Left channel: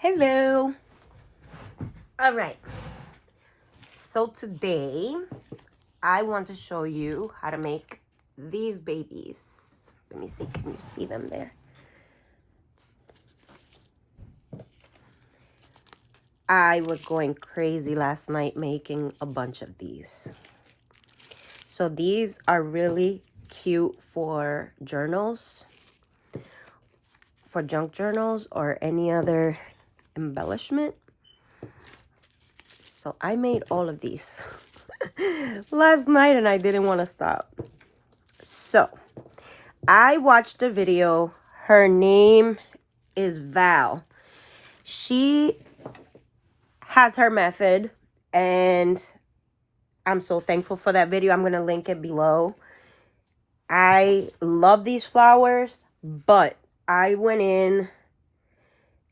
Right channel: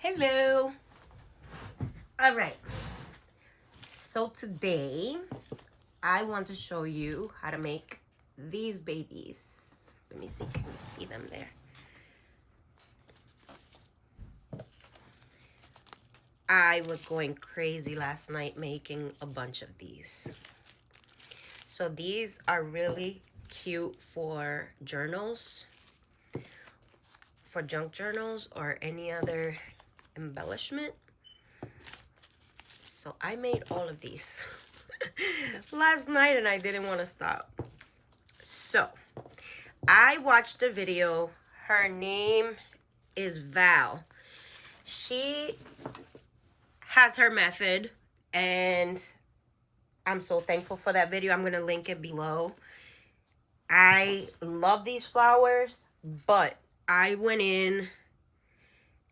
Hello. All right. So today I want to show you how to make these babies. Let me see. Can you see them there? I was going crazy last night making a bunch of these. So these are really cute for journals, for junk journals or any other embellishment. So I made all of these last night and I didn't want to stop. So I watched a video. Her name is Val. She has her method and I'm so thankful for that video. I'm going to link it below. I love these flowers, but I went in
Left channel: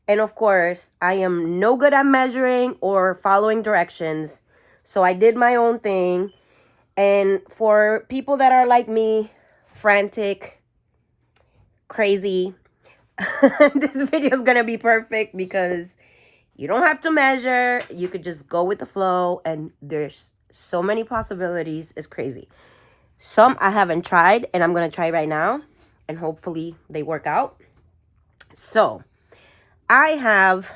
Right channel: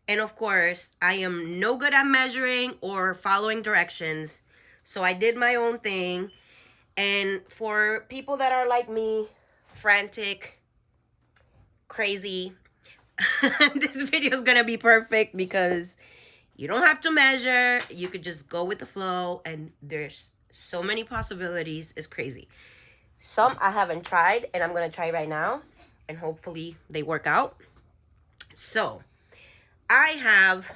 and of course I am no good at measuring or following directions. So I did my own thing. And for people that are like me, frantic, crazy, this video is gonna be perfect because you don't have to measure. You could just go with the flow and there's so many possibilities. It's crazy. Some I haven't tried and I'm gonna try right now and hopefully they work out. So I have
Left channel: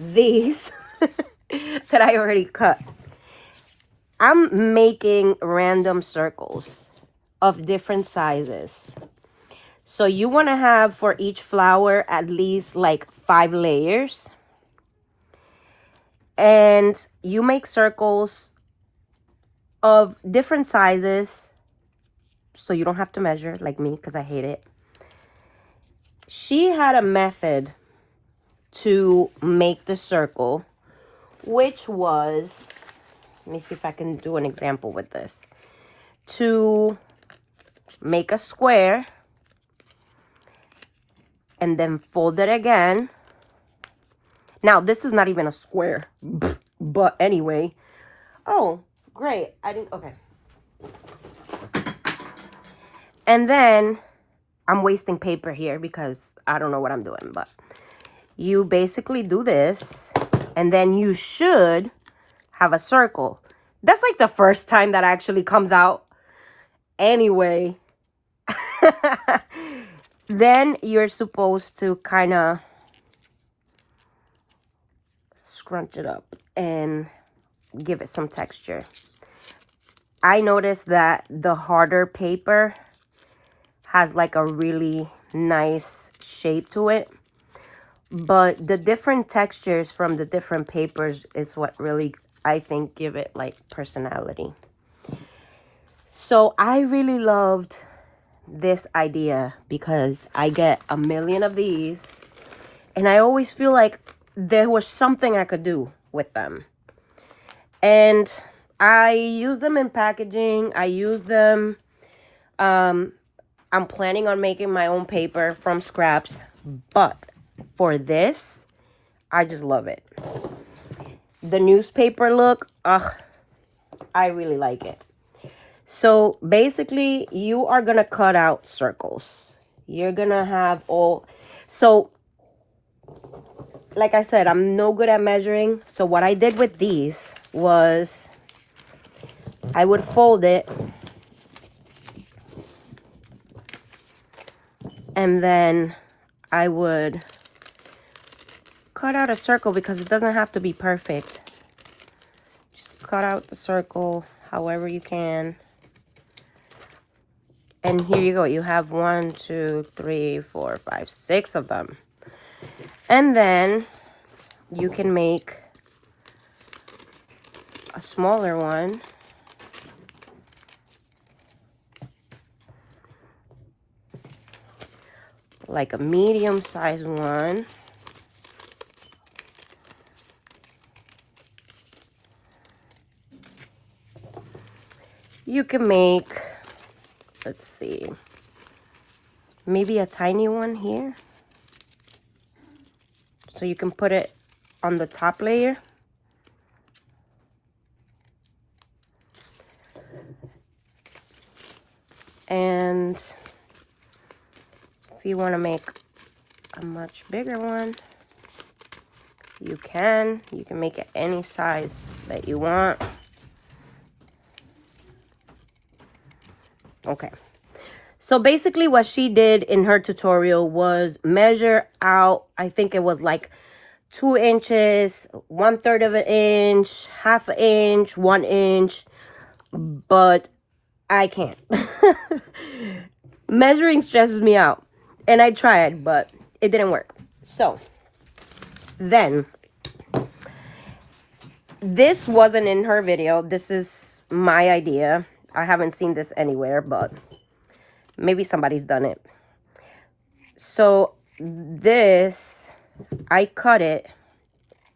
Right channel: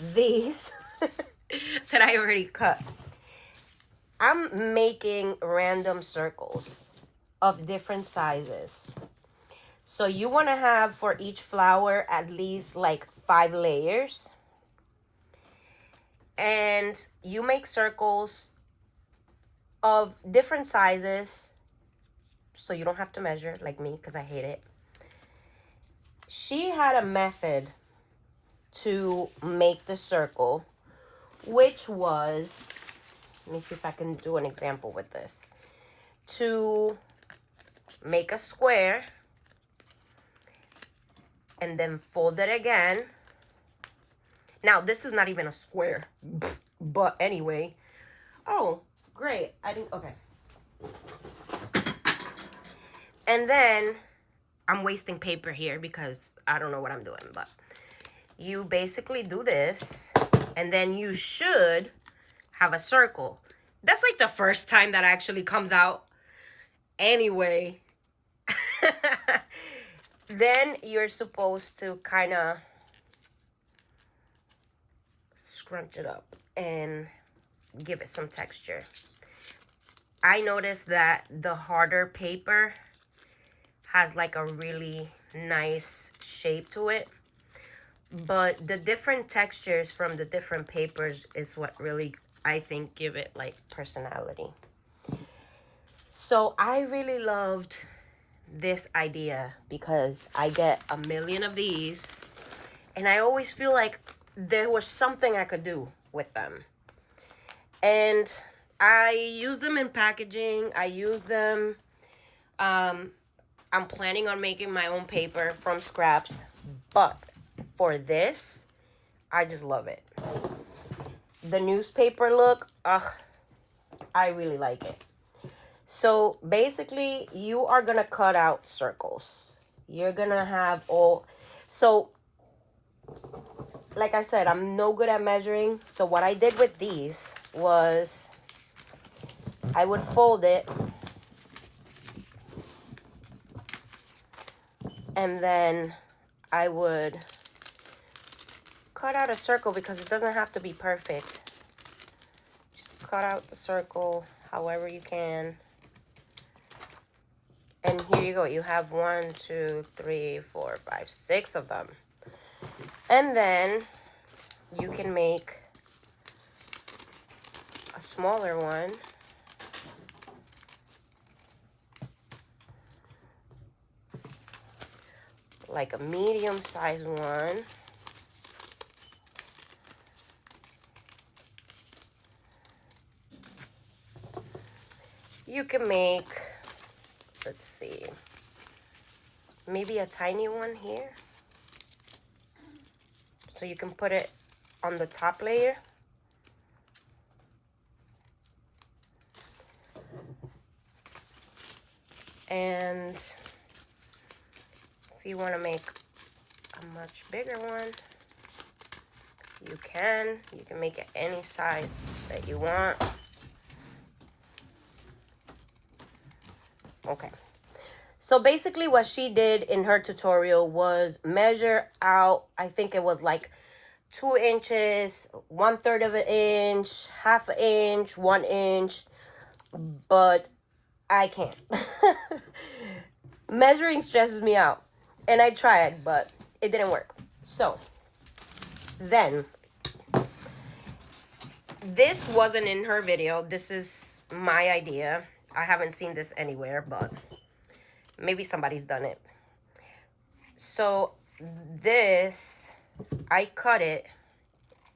these that I already cut. I'm making random circles of different sizes. So you want to have for each flower at least like 5 layers. And you make circles of different sizes. So you don't have to measure like me because I hate it. She had a method to make the circle, which was, let me see if I can do an example with this. To make a square and then fold it again. Now, this is not even a square, but anyway. Oh, great. I didn't, okay. And then I'm wasting paper here because I don't know what I'm doing, but you basically do this and then you should have a circle. That's like the first time that actually comes out. Anyway, then you're supposed to kind of scrunch it up and give it some texture. I noticed that the harder paper has like a really nice shape to it, but the different textures from the different papers is what really, I think, give it like personality. So I really loved this idea because I get a million of these and I always feel like there was something I could do with them. And I use them in packaging. I use them, I'm planning on making my own paper from scraps, but for this, I just love it. The newspaper look, I really like it. So basically, you are going to cut out circles. You're going to have all... So, like I said, I'm no good at measuring. So what I did with these was I would fold it. And then I would cut out a circle because it doesn't have to be perfect. Just cut out the circle however you can. And here you go. You have 1, 2, 3, 4, 5, 6 of them. And then you can make a smaller one. Like a medium-sized one. You can make, let's see, maybe a tiny one here. So you can put it on the top layer. And if you want to make a much bigger one, You can make it any size that you want. Okay. So basically what she did in her tutorial was measure out, I think it was like 2 inches, 1/3 of an inch, 1/2 inch, 1 inch, but I can't. Measuring stresses me out, and I tried, but it didn't work. So then, this wasn't in her video. This is my idea. I haven't seen this anywhere, but maybe somebody's done it. So this, I cut it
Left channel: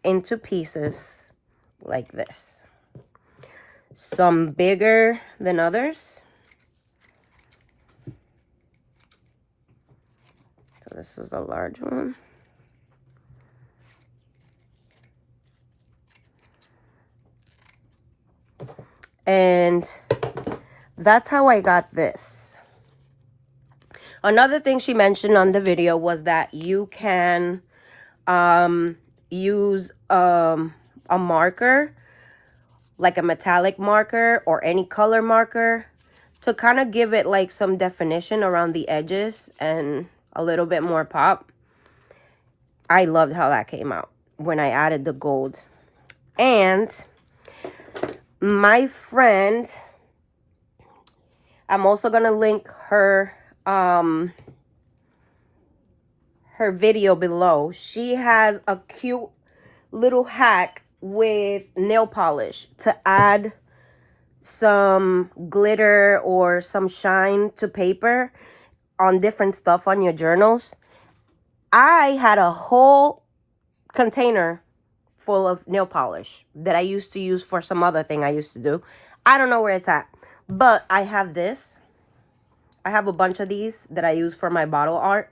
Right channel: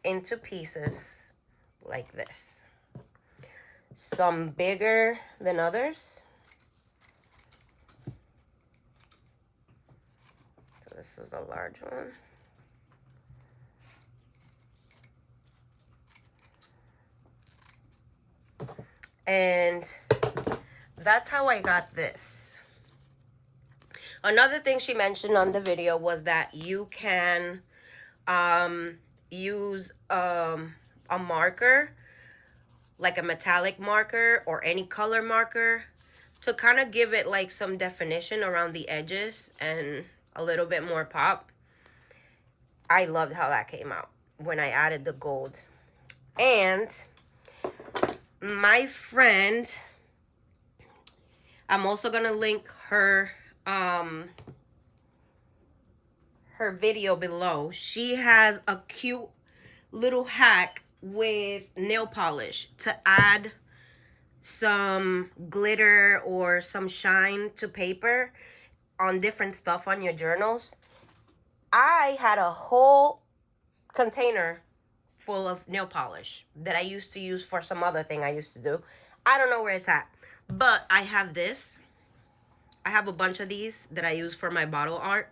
into pieces like this. Some bigger than others. So this is a large one. And that's how I got this. Another thing she mentioned on the video was that you can use a marker, like a metallic marker or any color marker, to kind of give it like some definition around the edges and a little bit more pop. I loved how that came out when I added the gold. And my friend, I'm also gonna link her her video below. She has a cute little hack with nail polish to add some glitter or some shine to paper on different stuff on your journals. I had a whole container full of nail polish that I used to use for some other thing I used to do. I don't know where it's at, but I have this. I have a bunch of these that I use for my bottle art.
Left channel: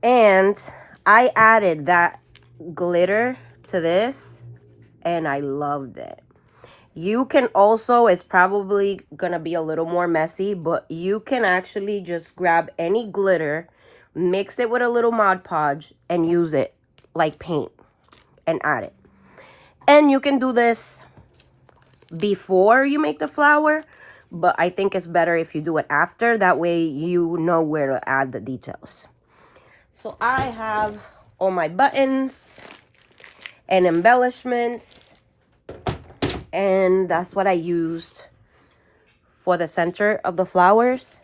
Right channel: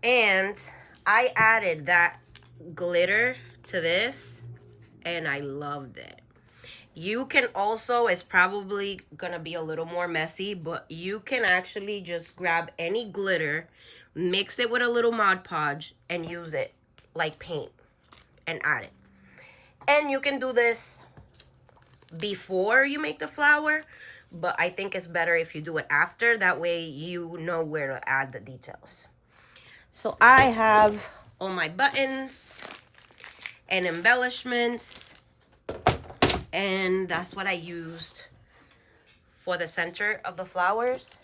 And I added that glitter to this, and I loved it. You can also, it's probably gonna be a little more messy, but you can actually just grab any glitter, mix it with a little Mod Podge, and use it like paint and add it. And you can do this before you make the flower, but I think it's better if you do it after. That way you know where to add the details. So I have all my buttons and embellishments, and that's what I used for the center of the flowers.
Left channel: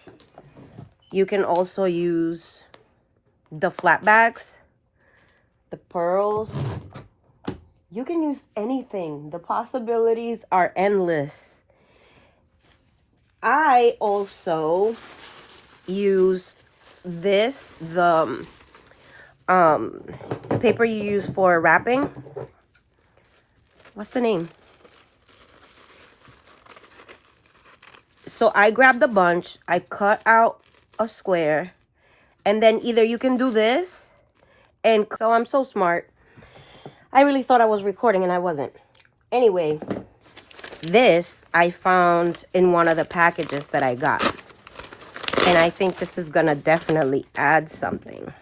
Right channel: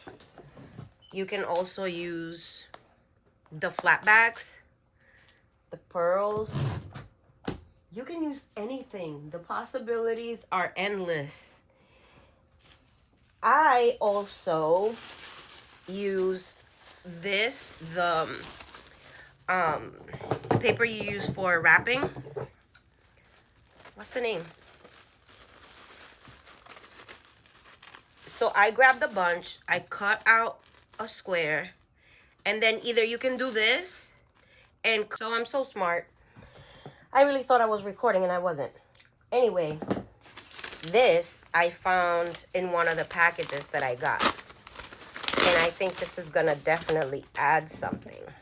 You can also use the flat bags, the pearls. You can use anything. The possibilities are endless. I also use this, the paper you use for wrapping. What's the name? So I grabbed a bunch, I cut out a square, and then either you can do this, and so I'm so smart. I really thought I was recording and I wasn't. Anyway, this I found in one of the packages that I got. And I think this is gonna definitely add something.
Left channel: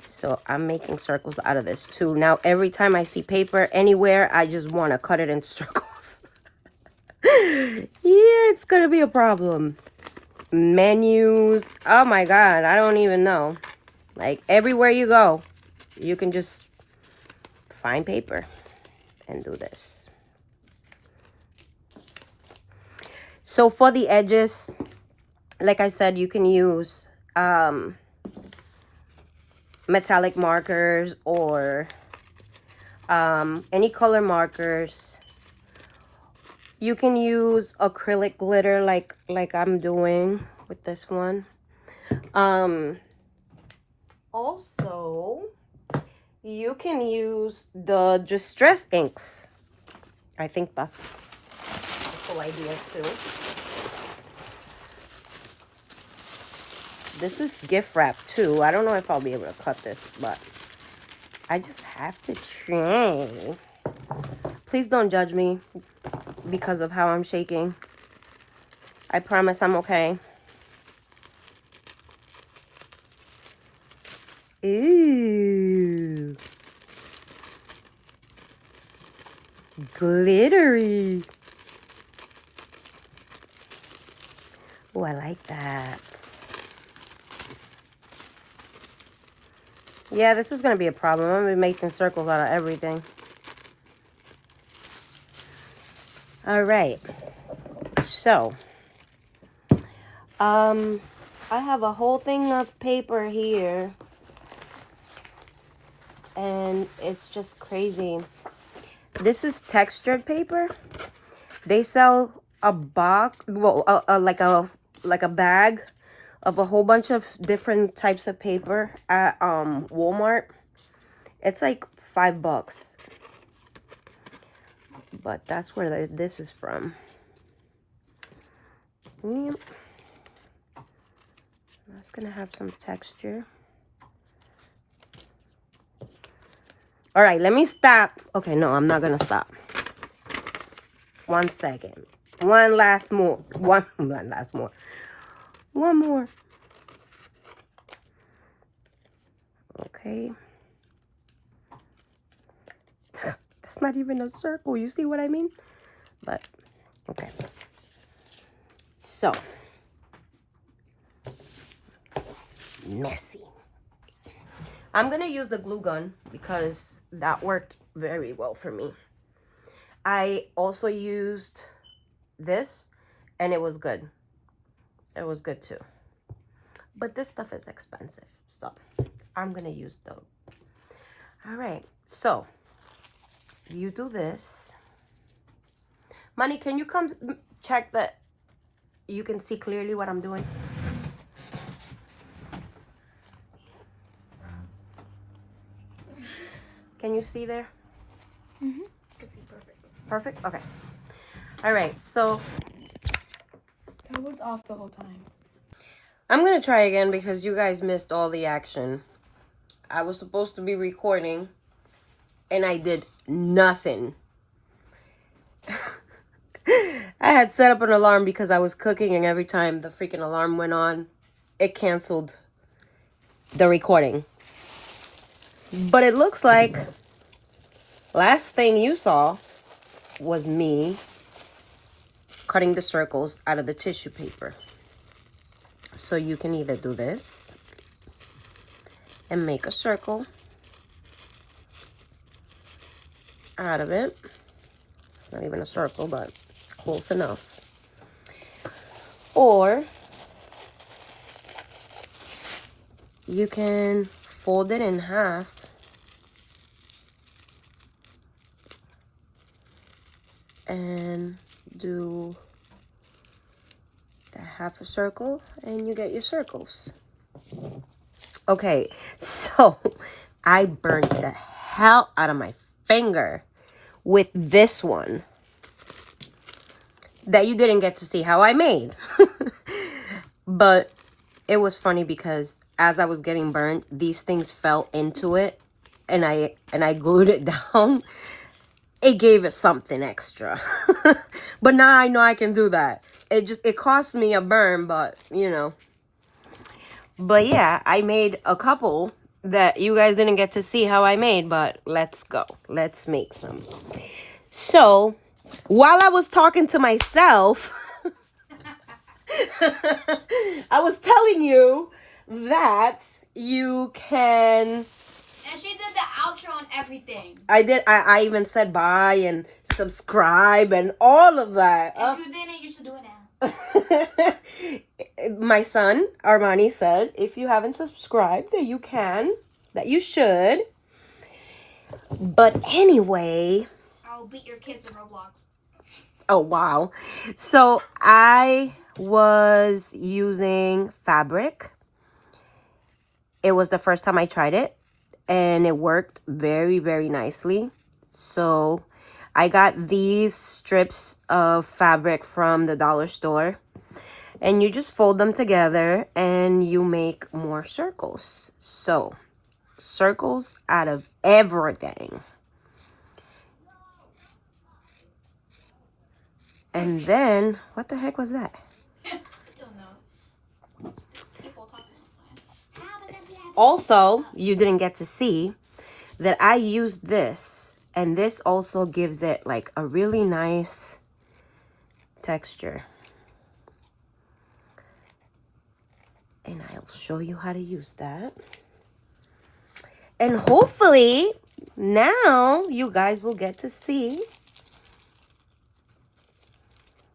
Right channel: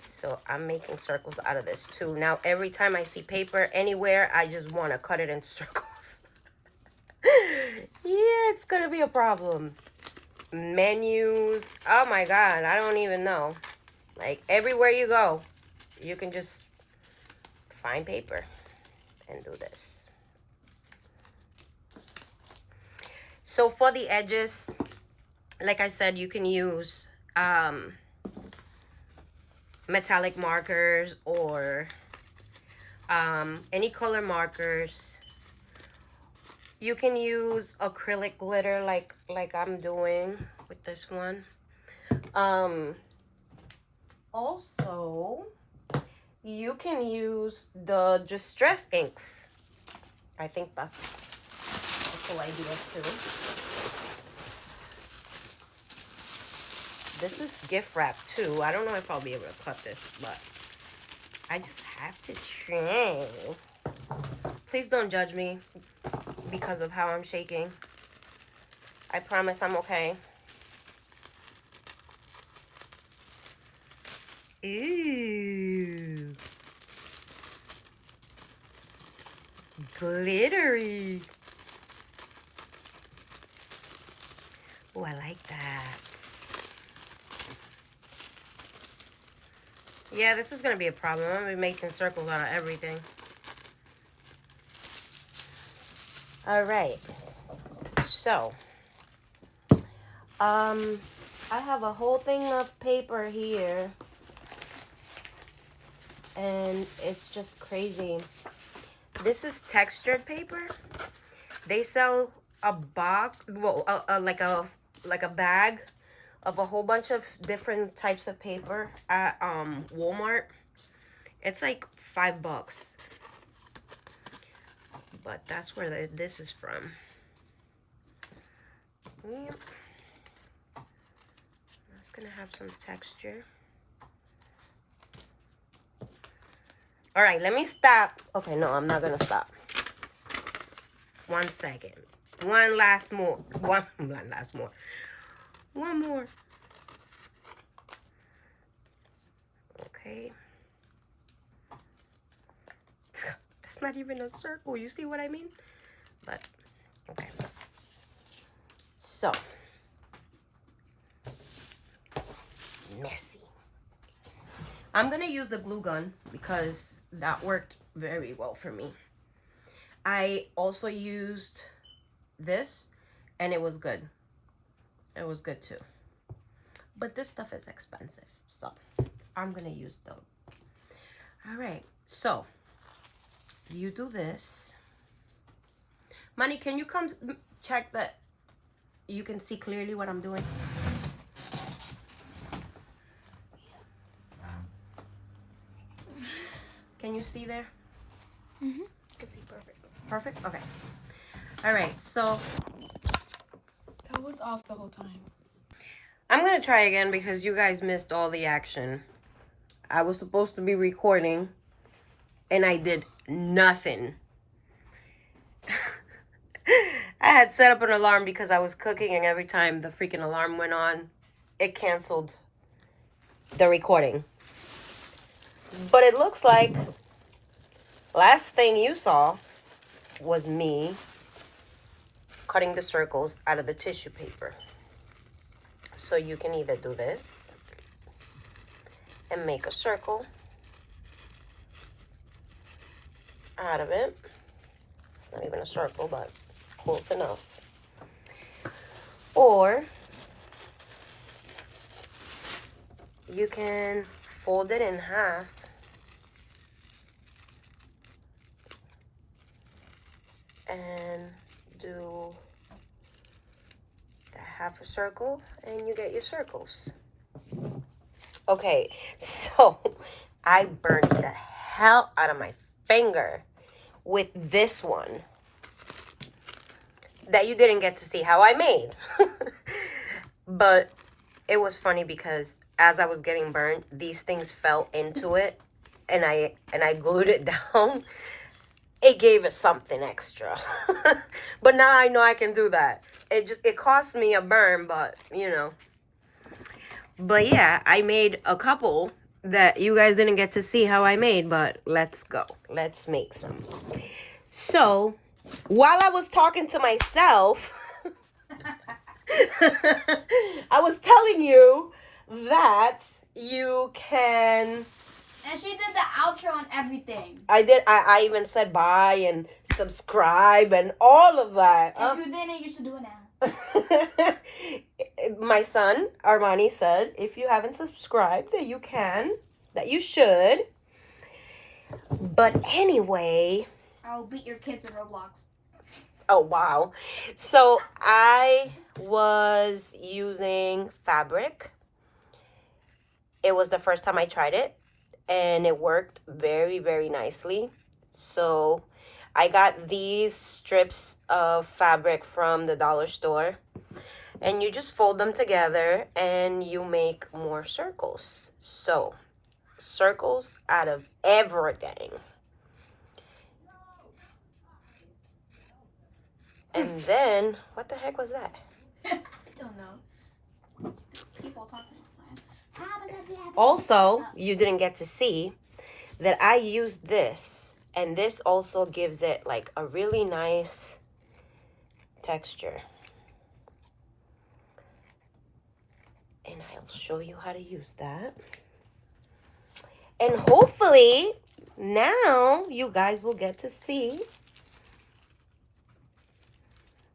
So I'm making circles out of this too. Now, every time I see paper anywhere, I just wanna cut it into circles. Yeah, it's gonna be a problem. Menus, oh my God, I don't even know. Like everywhere you go, you can just find paper and do this. So for the edges, like I said, you can use metallic markers or any color markers. You can use acrylic glitter like I'm doing with this one. Also, you can use the distress inks. I think that's a cool idea too. This is gift wrap too. I don't know if I'll be able to cut this, but I just have to try. Please don't judge me because of how I'm shaking. I promise I'm okay. Ooh. glittery. Oh, I like that. Yeah, this is going to be a problem. I'm going to be making circles out of everything. All right. So, I have a whole thing of paper here. And it's just crazy. This is textured paper. They sell a box, well, like a bag of a whole bunch of different types of paper at Walmart. It's like $5, but that's where this is from. That's gonna have some texture. All right, let me stop. Okay, no, I'm not gonna stop. 1 second. One more. Okay. That's not even a circle. You see what I mean? But, okay. So. Messy. I'm going to use the glue gun because that worked very well for me. I also used this and it was good. It was good too. But this stuff is expensive. So I'm going to use those. All right. So you do this. Money, can you come check that you can see clearly what I'm doing? Can you see there? Mm-hmm. I can see perfect. Perfect? Okay. All right. So that was off the whole time. I'm going to try again because you guys missed all the action. I was supposed to be recording and I did nothing. I had set up an alarm because I was cooking, and every time the freaking alarm went on, it canceled the recording. But it looks like last thing you saw was me cutting the circles out of the tissue paper. So you can either do this and make a circle out of it. It's not even a circle, but close enough. Or you can fold it in half and do the half a circle and you get your circles. Okay, so I burned the hell out of my finger with this one that you didn't get to see how I made. But it was funny because as I was getting burned, these things fell into it and I glued it down. It gave it something extra. But now I know I can do that. It cost me a burn, but you know. But yeah, I made a couple that you guys didn't get to see how I made, but let's go. Let's make some. So, while I was talking to myself, I was telling you that you can... And she did the outro and everything. I did. I even said bye and subscribe and all of that. If you didn't, you should do it now. My son, Armani, said, if you haven't subscribed, that you can, that you should. But anyway... I'll beat your kids in Roblox. Oh, wow. So I was using fabric. It was the first time I tried it. And it worked very, very nicely. So I got these strips of fabric from the dollar store. And you just fold them together and you make more circles. So, circles out of everything. And then, what the heck was that? I don't know. People talking. Also, you didn't get to see that I used this And this also gives it like a really nice texture. And I'll show you how to use that. And hopefully now you guys will get to see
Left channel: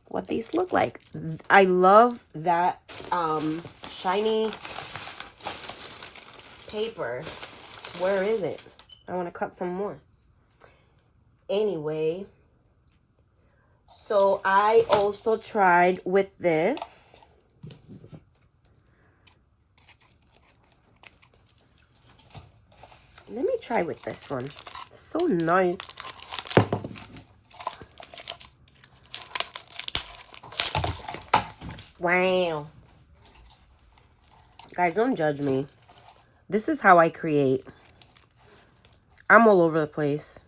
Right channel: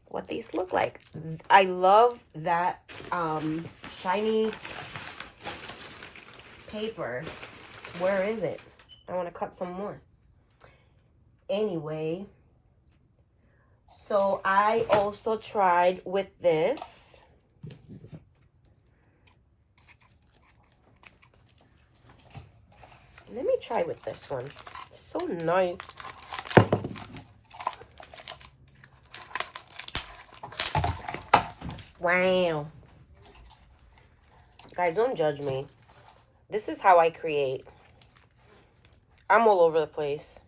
what these look like. I love that shiny paper. Where is it? I want to cut some more. Anyway, so I also tried with this. Let me try with this one. It's so nice. Wow. Guys, don't judge me. This is how I create. I'm all over the place.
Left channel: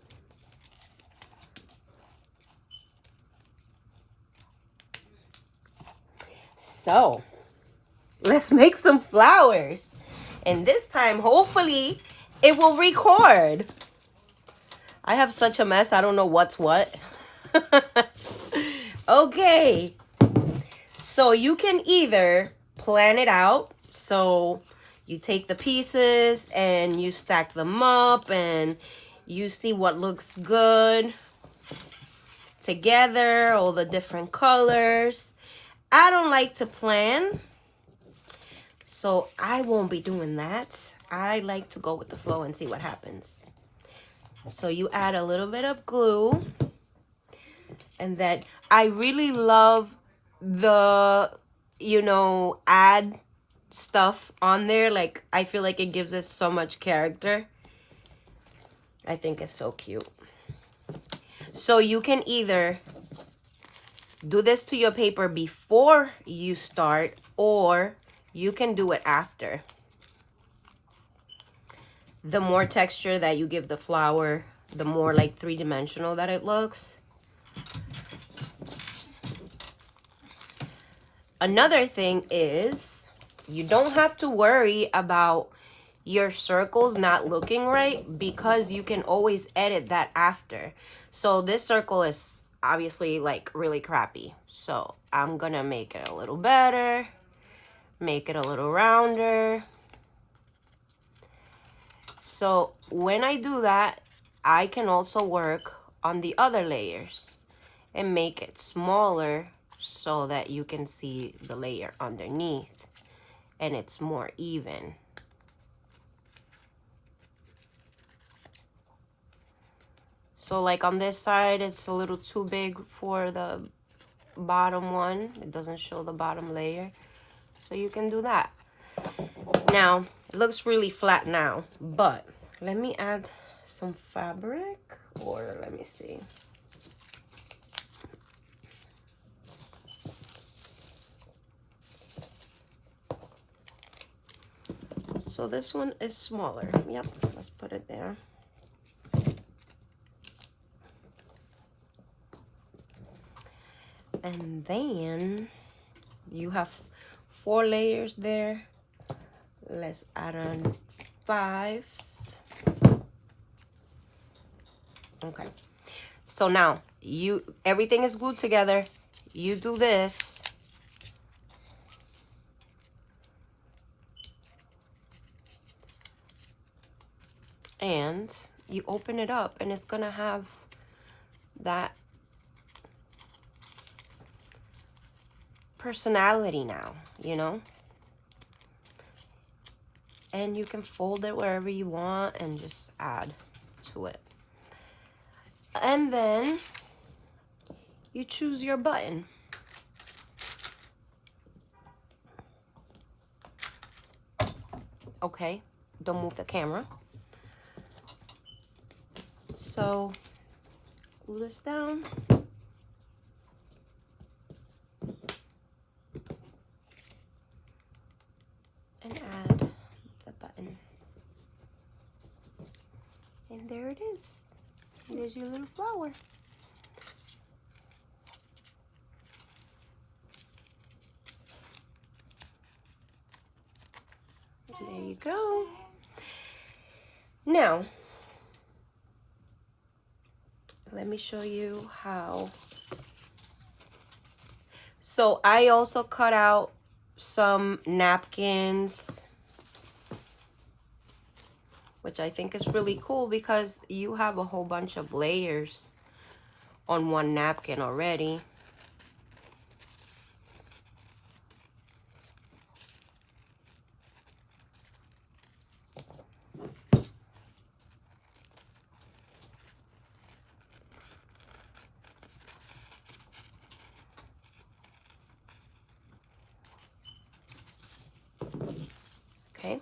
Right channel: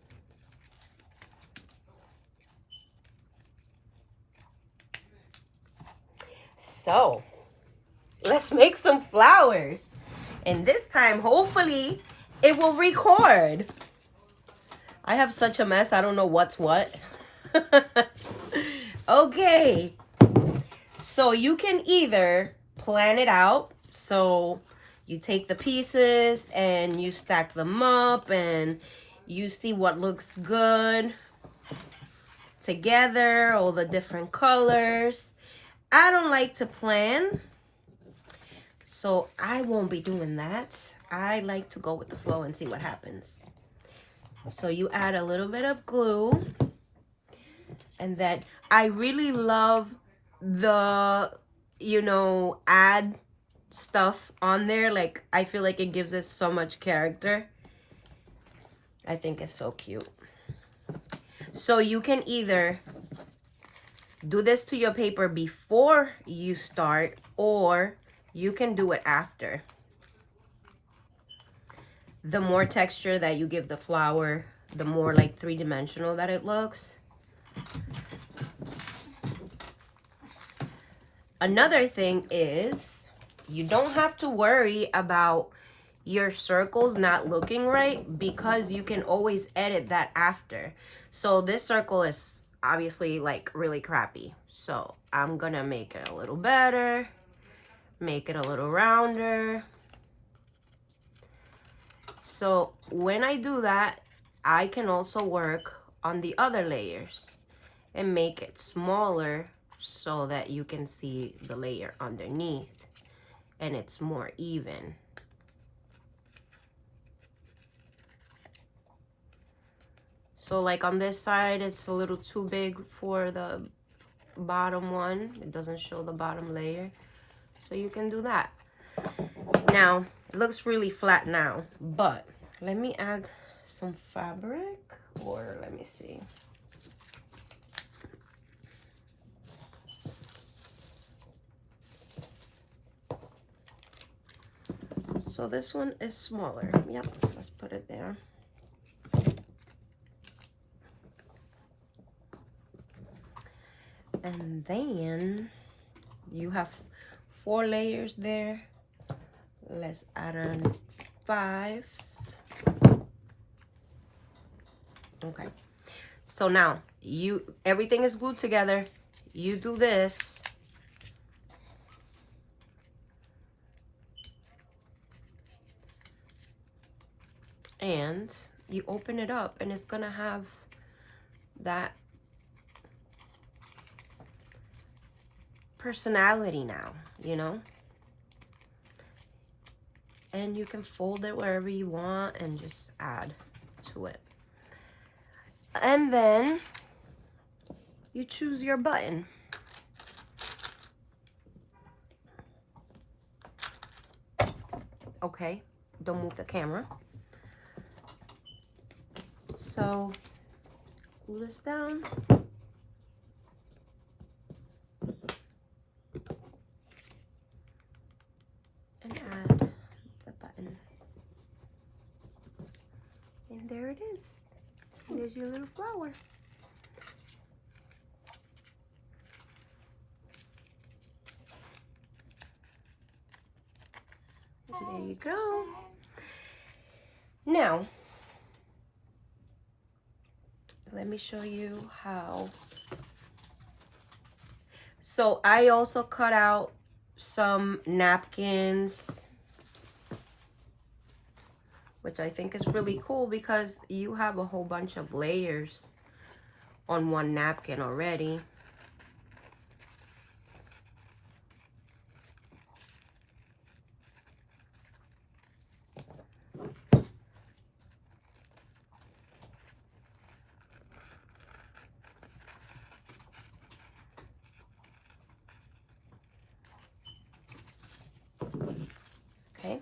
So, let's make some flowers. And this time, hopefully, it will record. I have such a mess. I don't know what's what. Okay. So you can either plan it out. So you take the pieces and you stack them up and you see what looks good together, all the different colors. I don't like to plan, so I won't be doing that. I like to go with the flow and see what happens. So you add a little bit of glue, and then I really love the, you know, add stuff on there. Like, I feel like it gives it so much character. I think it's so cute. So you can either do this to your paper before you start, or you can do it after. The more texture that you give the flower, the more like three-dimensional that it looks. Another thing is you don't have to worry about your circles not looking right, because you can always edit that after. So this circle is obviously like really crappy. So I'm gonna make it a little better, make it a little rounder. So when I do that, I can also work on the other layers and make it smaller so that you can see the layer underneath and it's more even. So like on this side, it's a little too big for the bottom one. It doesn't show the bottom layer. So you can do that. Now, it looks really flat now, but let me add some fabric, or let me see. So this one is smaller. Yep, let's put it there. And then you have 4 layers there. Let's add on 5. Okay. So now everything is glued together. You do this. And you open it up and it's gonna have that personality now, you know? And you can fold it wherever you want and just add to it. And then you choose your button. Okay, don't move the camera. So glue this down. And add the button. And there it is. There's your little flower. There you go. Now, let me show you how. So I also cut out some napkins, which I think is really cool because you have a whole bunch of layers on one napkin already. Okay,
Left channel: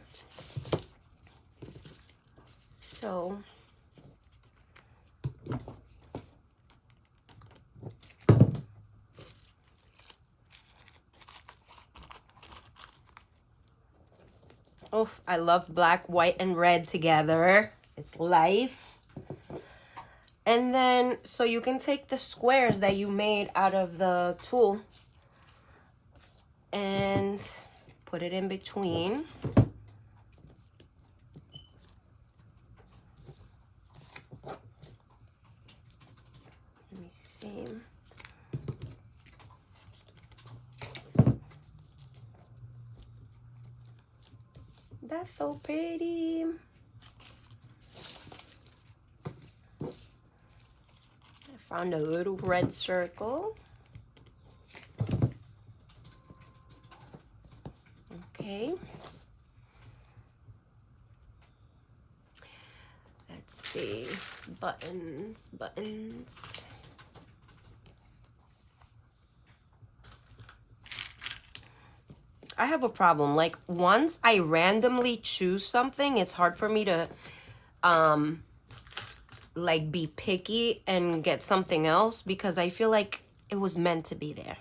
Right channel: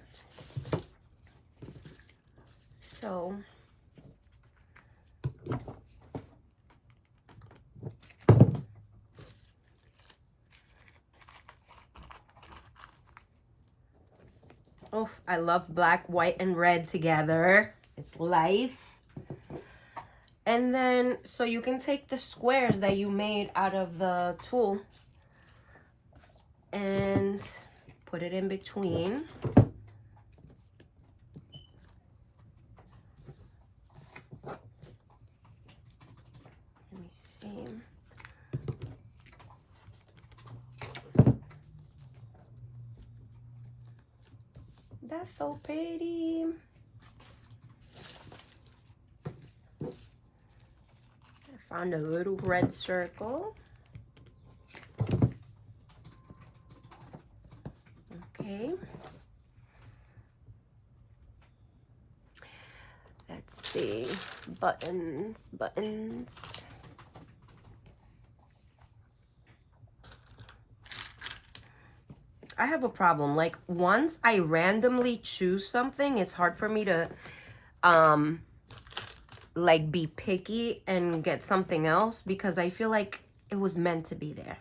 so oh, I love black, white, and red together. It's life. And then, so you can take the squares that you made out of the tool and put it in between. Let me see. That's so pretty. I found a little red circle. Okay. Let's see. Buttons, buttons. I have a problem. Like, once I randomly choose something, it's hard for me to like be picky and get something else because I feel like it was meant to be there.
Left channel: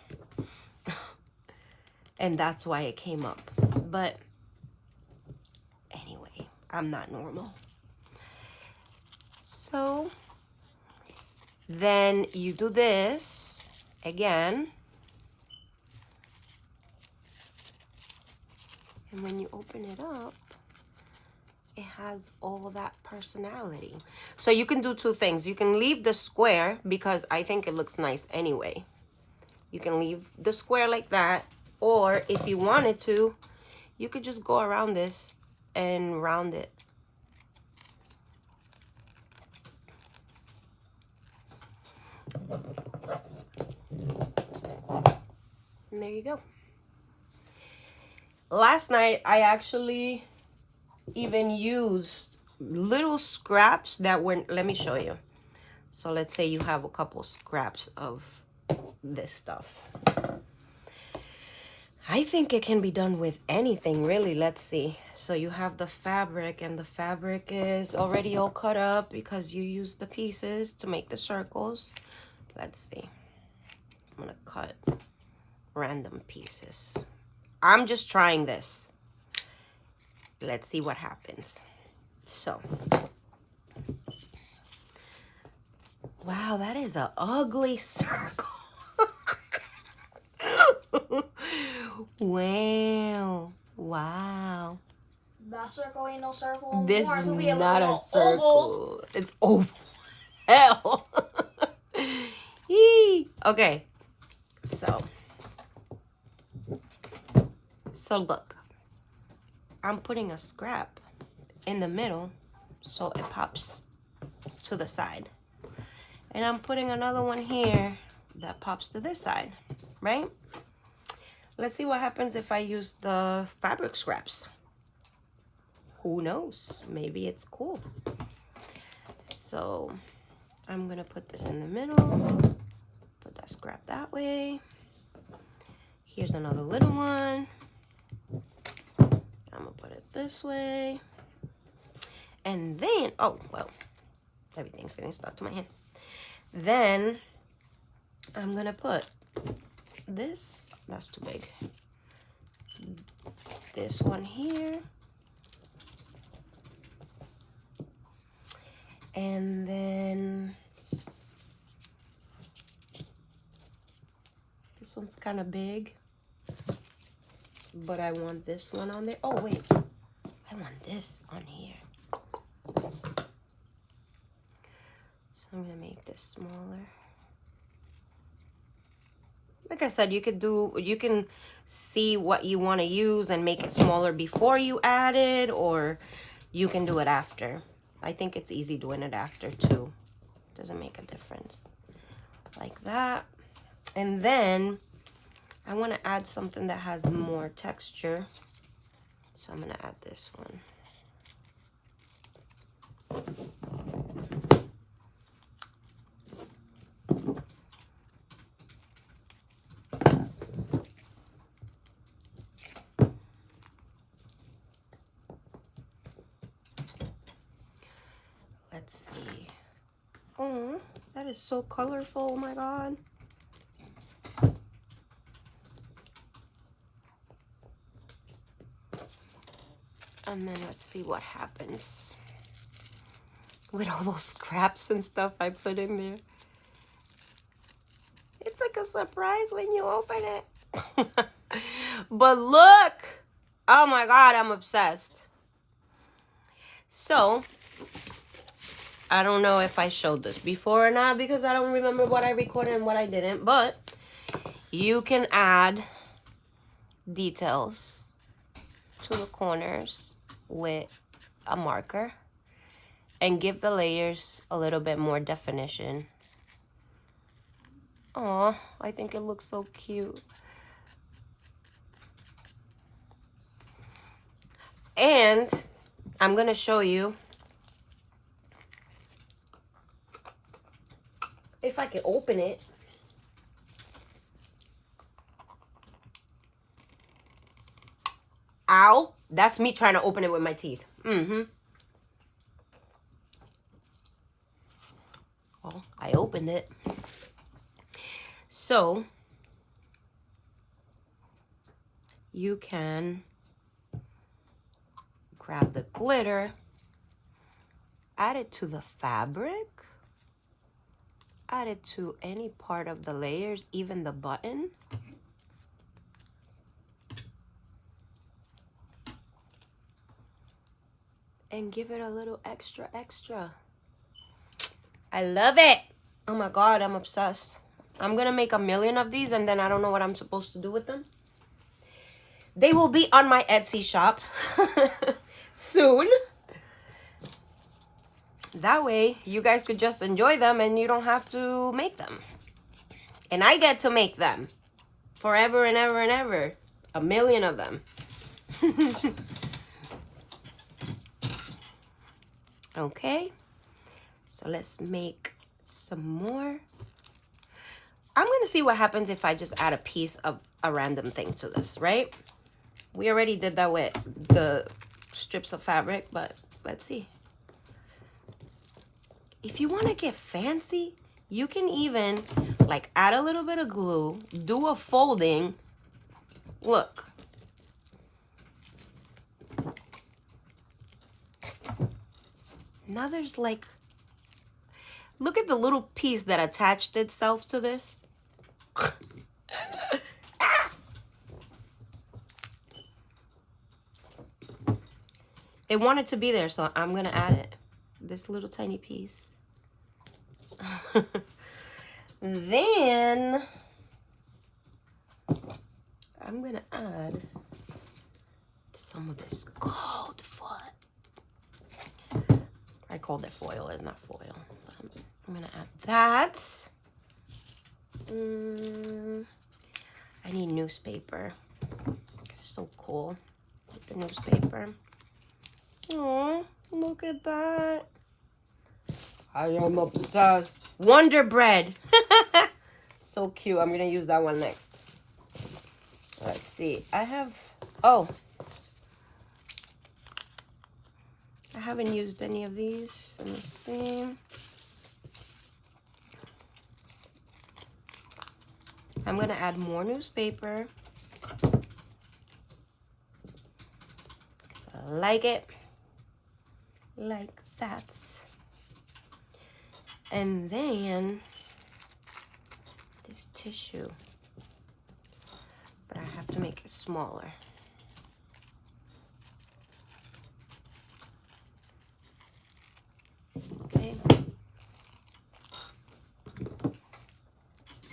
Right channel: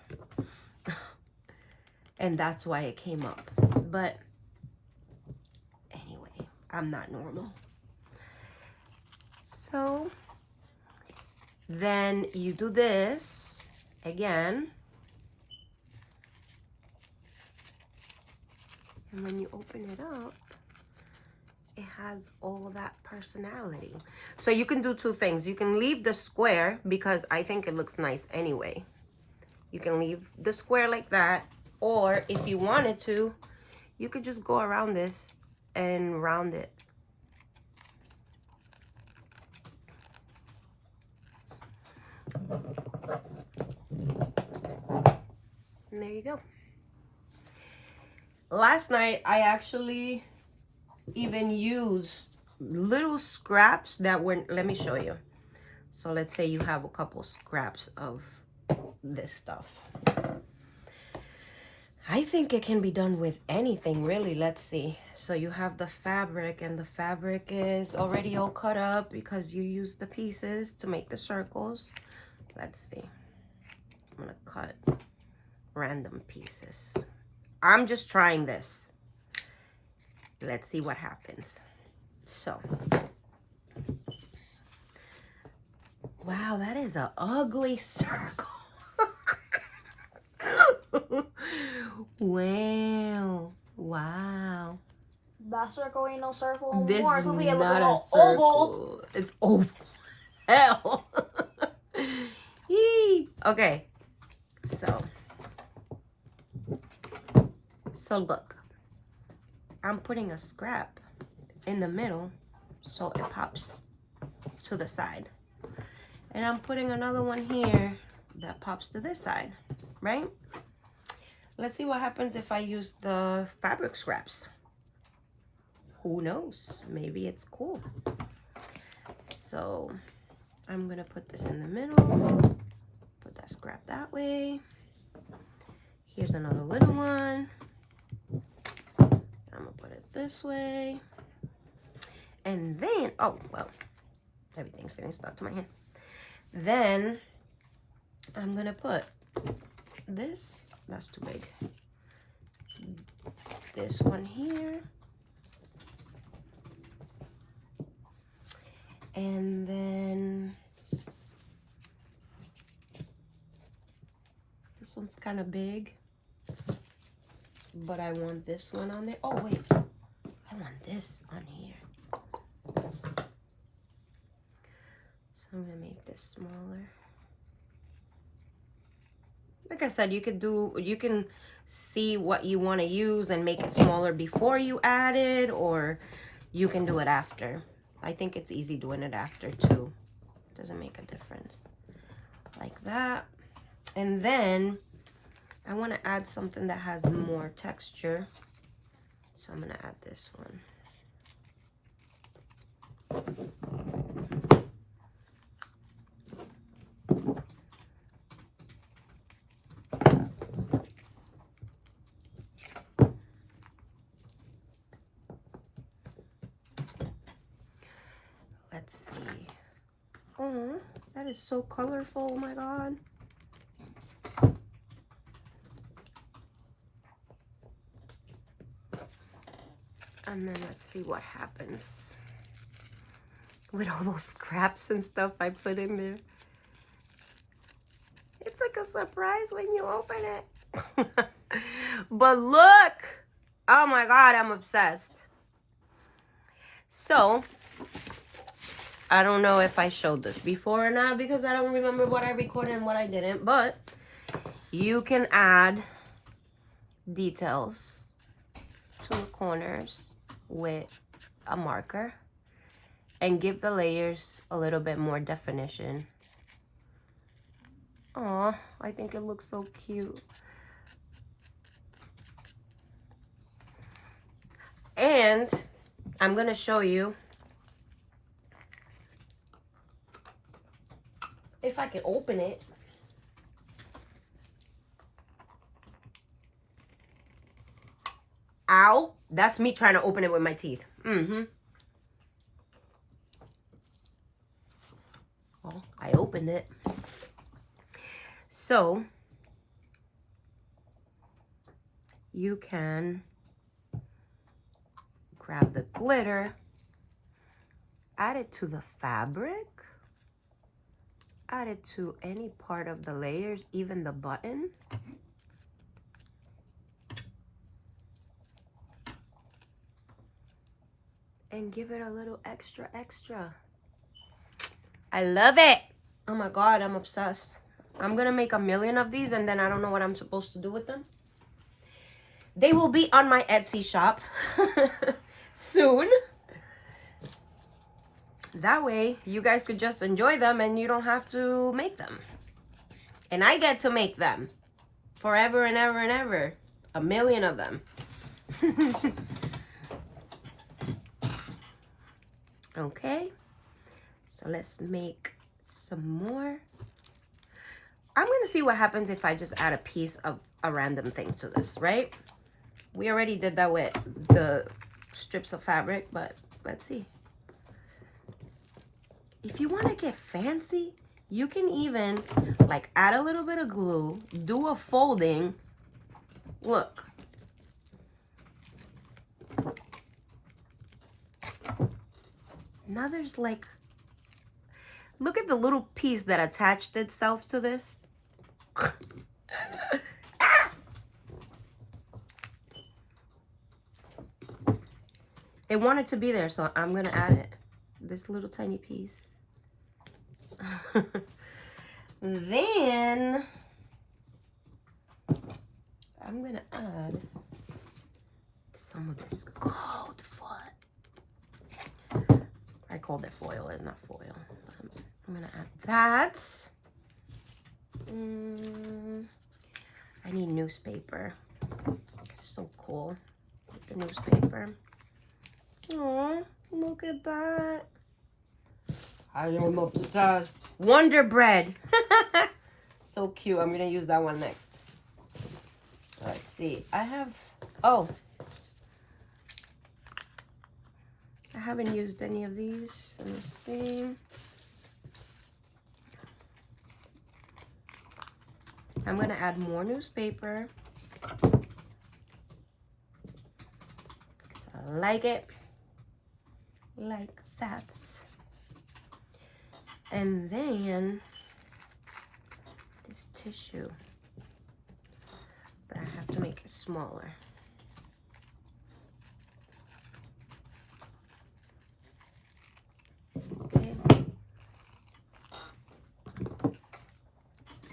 And that's why it came up. But anyway, I'm not normal. So then you do this again. And when you open it up, it has all that personality. So you can do two things. You can leave the square because I think it looks nice anyway. You can leave the square like that. Or if you wanted to, you could just go around this and round it. And there you go. Last night, I actually even used little scraps that were, let me show you. So let's say you have a couple scraps of this stuff. I think it can be done with anything, really. Let's see. So you have the fabric, and the fabric is already all cut up because you used the pieces to make the circles. Let's see. I'm gonna cut random pieces. I'm just trying this. Let's see what happens. So, wow, that is an ugly circle. Wow. Wow. That circle ain't no circle This anymore. is It's gonna be a not a little circle. oval. It's oval. Hell. Yee. Okay. So look. I'm putting a scrap in the middle so it pops to the side. And I'm putting another one here that pops to this side, right? Let's see what happens if I use the fabric scraps. Who knows? Maybe it's cool. So I'm gonna put this in the middle, put that scrap that way. Here's another little one. I'm gonna put it this way. And then, oh, well, everything's getting stuck to my hand. Then I'm gonna put this, that's too big. This one here. And then this one's kind of big, but I want this one on there. Oh, wait, I want this on here. So I'm gonna make this smaller. Like I said, you can see what you want to use and make it smaller before you add it, or you can do it after. I think it's easy doing it after too. Doesn't make a difference. Like that. And then I want to add something that has more texture. So I'm going to add this one. Let's see. Oh, that is so colorful. Oh my God. And then let's see what happens with all those scraps and stuff I put in there. It's like a surprise when you open it. But look! Oh my God, I'm obsessed. So, I don't know if I showed this before or not because I don't remember what I recorded and what I didn't, but you can add details to the corners with a marker and give the layers a little bit more definition. Oh, I think it looks so cute. And I'm gonna show you if I can open it. Ow, that's me trying to open it with my teeth. Well, I opened it. So you can grab the glitter, add it to the fabric, add it to any part of the layers, even the button. And give it a little extra. I love it. Oh my God, I'm obsessed. I'm gonna make 1,000,000 of these and then I don't know what I'm supposed to do with them. They will be on my Etsy shop soon. That way you guys could just enjoy them and you don't have to make them. And I get to make them forever and ever and ever. 1,000,000 of them. Okay, so let's make some more. I'm gonna see what happens if I just add a piece of a random thing to this, right? We already did that with the strips of fabric, but let's see. If you want to get fancy, you can even like add a little bit of glue, do a folding. Look. Now there's like, look at the little piece that attached itself to this. It wanted to be there, so I'm gonna add it. This little tiny piece. Then I'm gonna add some of this gold foot. I called it foil, it's not foil. I'm gonna add that. I need newspaper. It's so cool. With the newspaper. Oh, look at that. I am obsessed. Wonder Bread. So cute. I'm gonna use that one next. Let's see. I haven't used any of these. Let me see. I'm gonna add more newspaper. I like it. Like that. And then this tissue. But I have to make it smaller. Okay.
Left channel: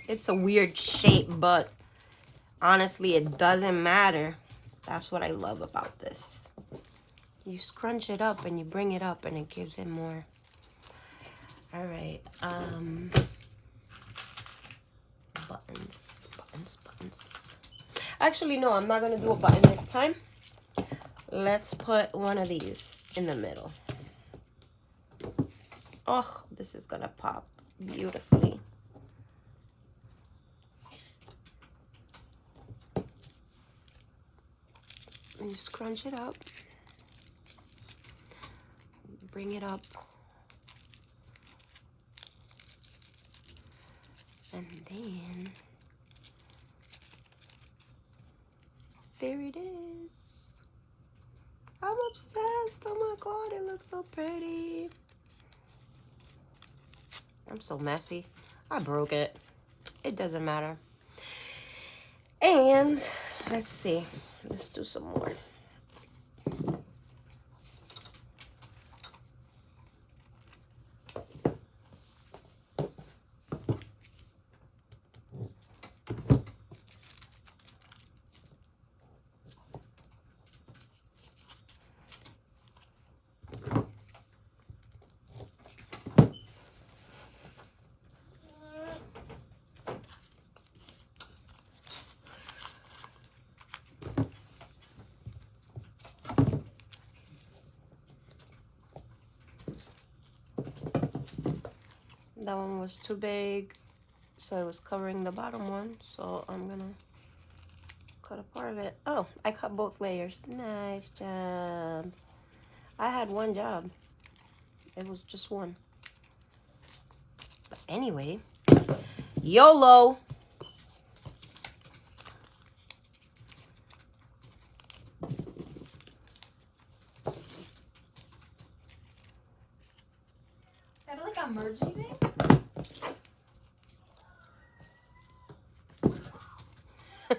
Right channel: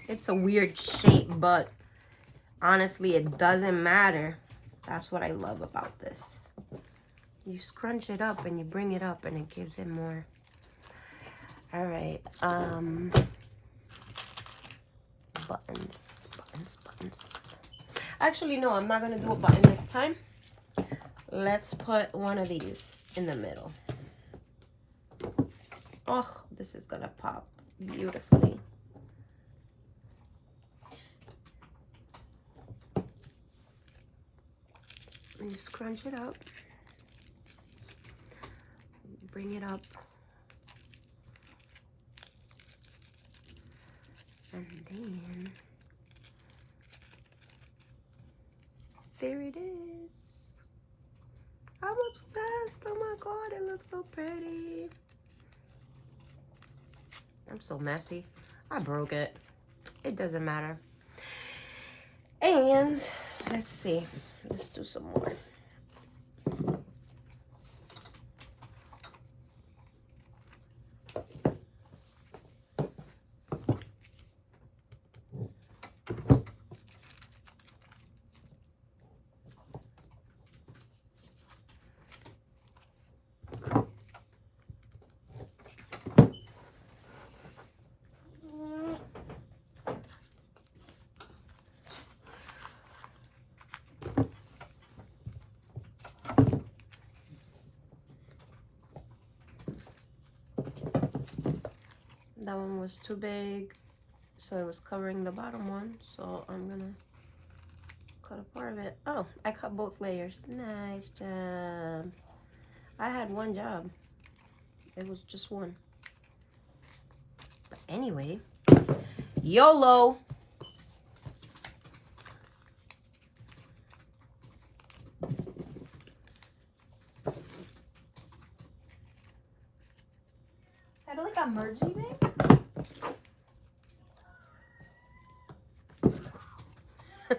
It's a weird shape, but honestly, it doesn't matter. That's what I love about this. You scrunch it up and you bring it up and it gives it more. All right. Buttons. Actually, no, I'm not gonna do a button this time. Let's put one of these in the middle. Oh, this is gonna pop beautifully. And you scrunch it up. Bring it up. And then there it is. I'm obsessed. Oh my God, it looks so pretty. I'm so messy. I broke it. It doesn't matter. And let's see. Let's do some more. That one was too big, so it was covering the bottom one. So I'm gonna cut a part of it. Oh, I cut both layers. Nice job. I had one job. It was just one. But anyway, YOLO. I do like a mergey thing.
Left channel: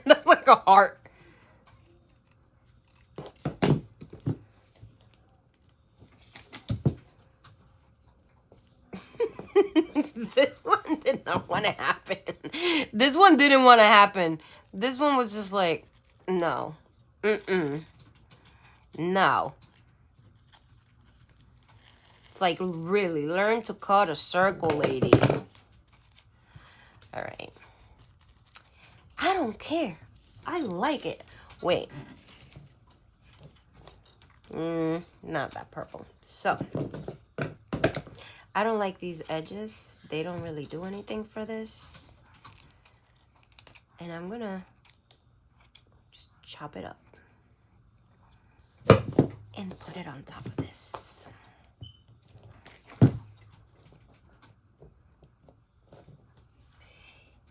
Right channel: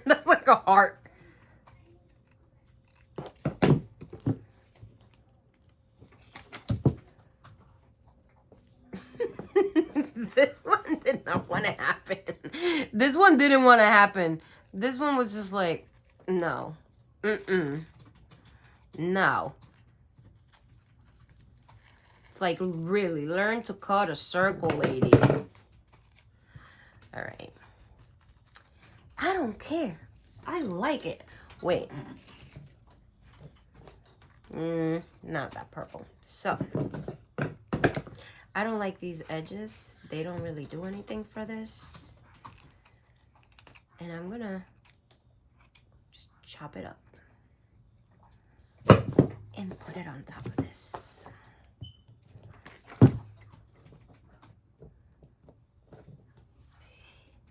That's like a heart. This one did not want to happen. This one didn't want to happen. This one was just like, no. No. It's like, really, learn to cut a circle, lady. All right. I don't care. I like it. Wait. Not that purple. So, I don't like these edges. They don't really do anything for this. And I'm gonna just chop it up and put it on top of this.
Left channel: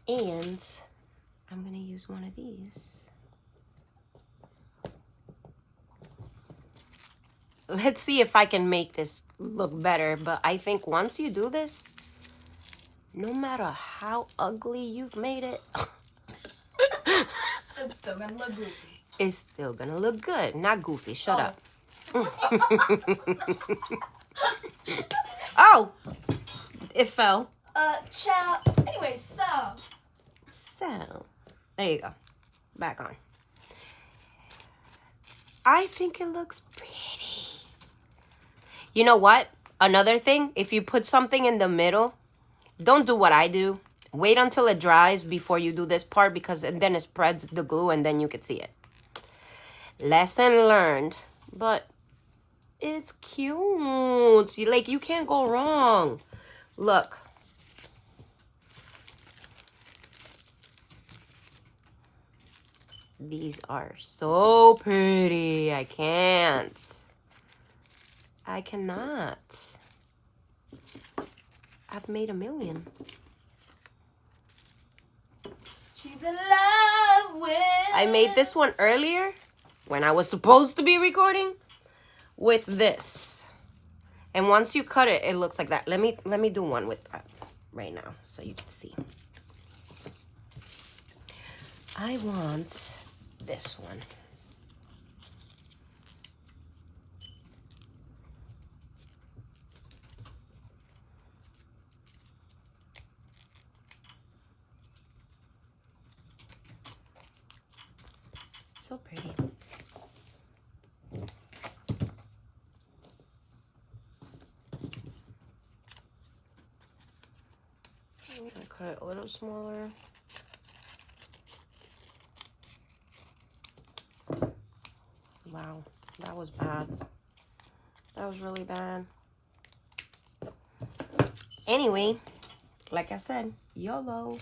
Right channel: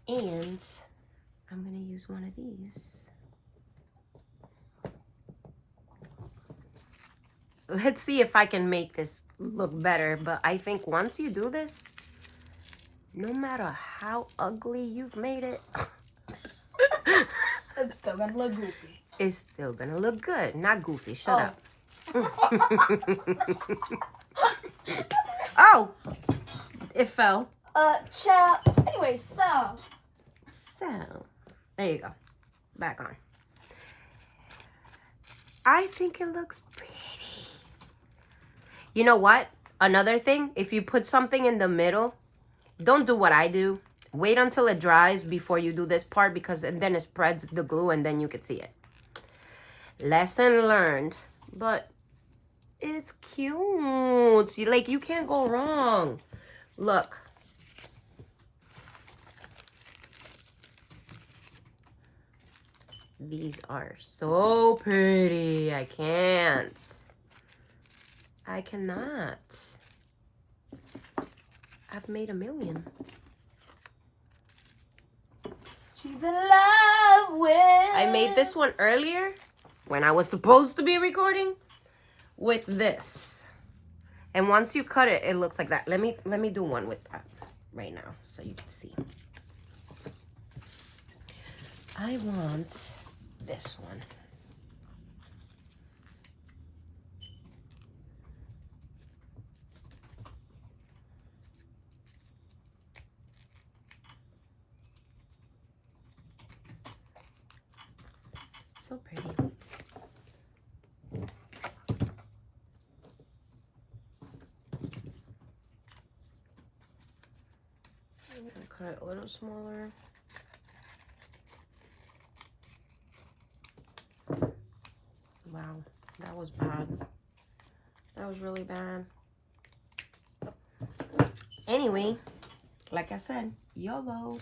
And I'm gonna use one of these. Let's see if I can make this look better. But I think once you do this, no matter how ugly you've made it, It's still gonna look goofy. it's still gonna look good. Not goofy. Shut up. Oh, it fell. Anyway, so There you go. Back on. I think it looks pretty. You know what? Another thing, if you put something in the middle, don't do what I do. Wait until it dries before you do this part, because then it spreads the glue and then you can see it. Lesson learned. But it's cute. You can't go wrong. Look. These are so pretty. I can't. I cannot. I've made a million. she's in love with. I made this one earlier when I was supposed to be recording with this. And once you cut it, it looks like that. Let me do one with that right now so you can see. I want this one. So pretty. I'm gonna cut it a little smaller. Wow, that was bad. That was really bad. Anyway, like I said, YOLO.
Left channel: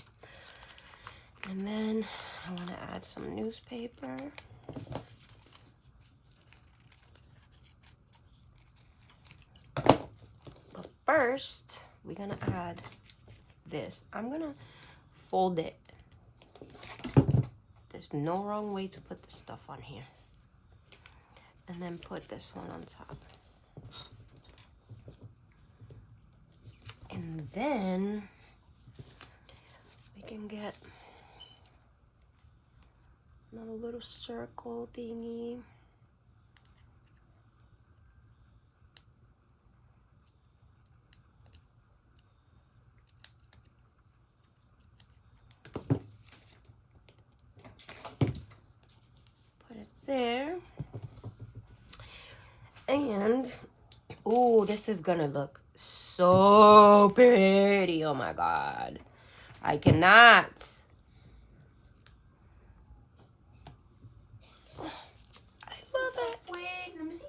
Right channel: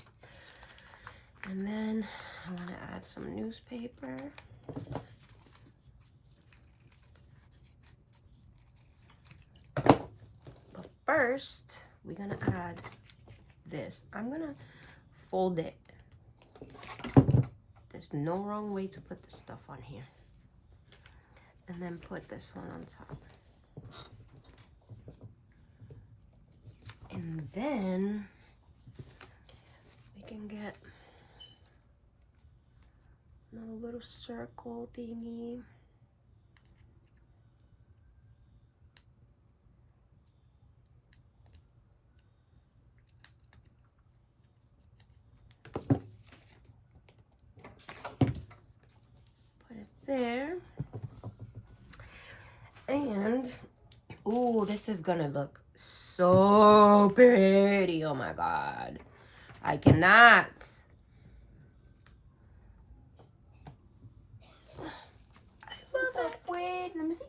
And then I want to add some newspaper. But first, we're going to add this. I'm going to fold it. There's no wrong way to put this stuff on here. And then put this one on top. And then we can get another little circle thingy. Put it there. And, oh, this is gonna look so pretty. Oh my God. I cannot. I love it. Wait, let me see.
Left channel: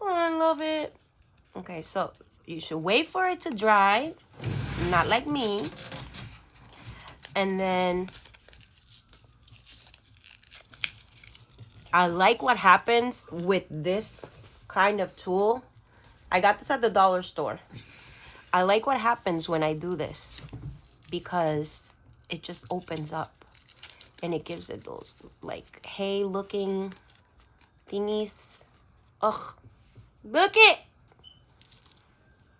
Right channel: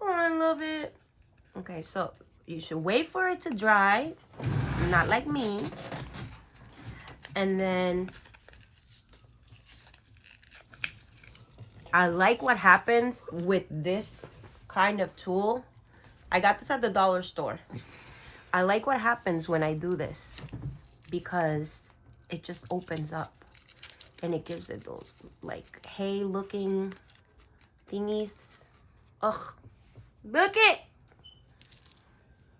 Oh, I love it. Okay, so you should wait for it to dry. Not like me. And then I like what happens with this kind of tool. I got this at the dollar store. I like what happens when I do this because it just opens up and it gives it those like hay looking thingies. Ugh, look it.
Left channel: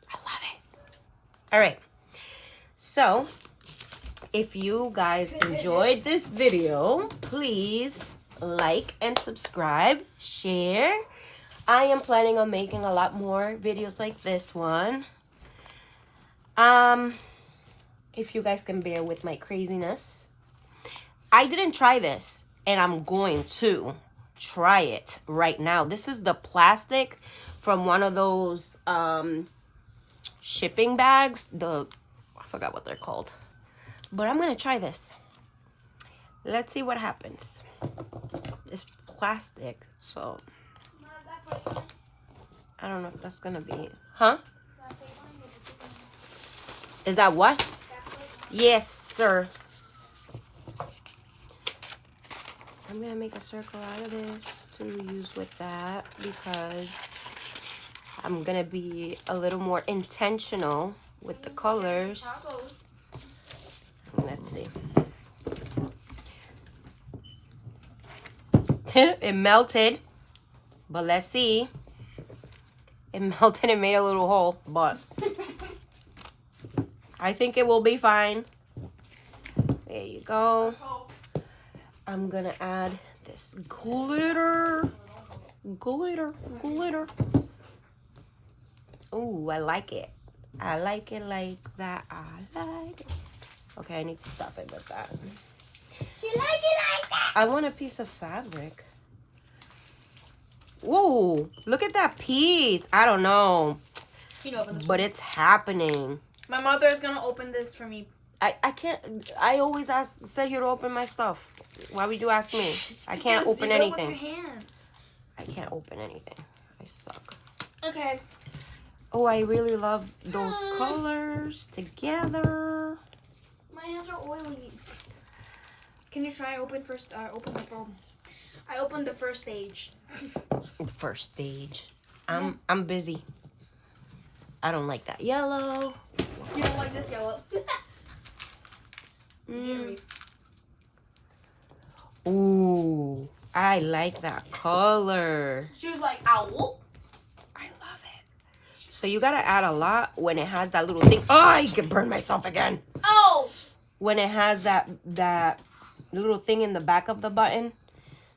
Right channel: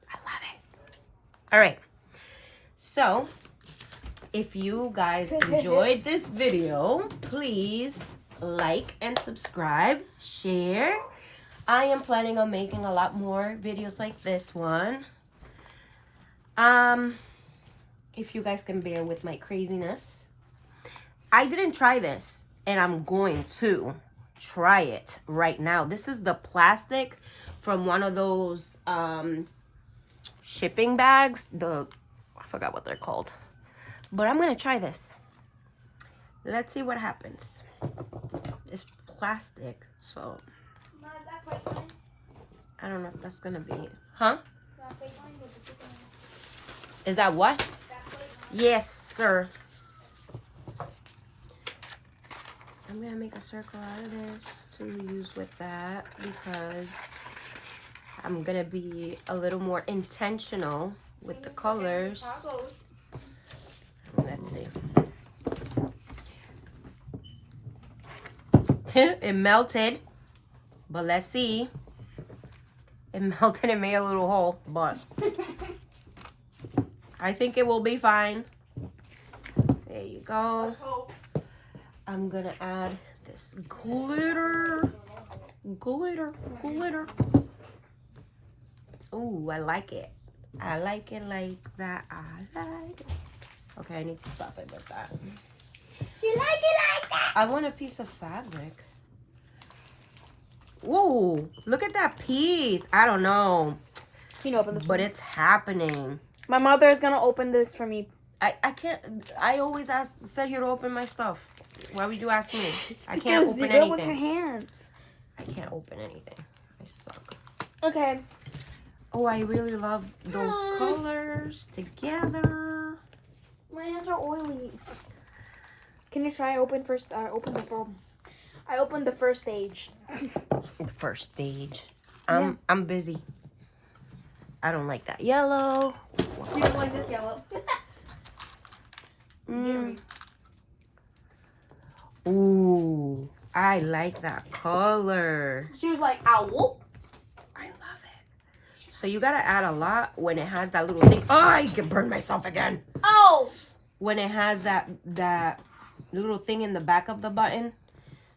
I love it. All right. So if you guys enjoyed this video, please like and subscribe, share. I am planning on making a lot more videos like this one. If you guys can bear with my craziness. I didn't try this, and I'm going to try it right now. This is the plastic from one of those shipping bags. I forgot what they're called. But I'm going to try this. Let's see what happens. It's plastic, so I don't know if that's going to be... Huh? Is that what? Yes, sir. I'm going to make a circle out of this to use with that because I'm going to be a little more intentional with the colors. Let's see. It melted, but let's see. It melted and made a little hole, but I think it will be fine. There you go. I'm gonna add this glitter. Glitter. Ooh, I like it. I like it like that. I like it. Okay, I need to stop it with that. She like it like that. I want a piece of fabric. Whoa, look at that piece. I don't know. You know, open this but one. It's happening. My mother is gonna open this for me. I can't. I always said you to open my stuff. Why would you ask me? I can't Because open you do it anything. with your hands. I can't open anything. I suck. Okay. Oh, I really love those colors together. My hands are oily. Can you try open first? Open the phone. I opened the first stage. First stage. I'm busy. I don't like that yellow. You don't like this yellow. Ooh, I like that color. She was like, ow. I love it. So you gotta add a lot when it has that little thing. Oh, I can burn myself again. Oh. When it has that little thing in the back of the button,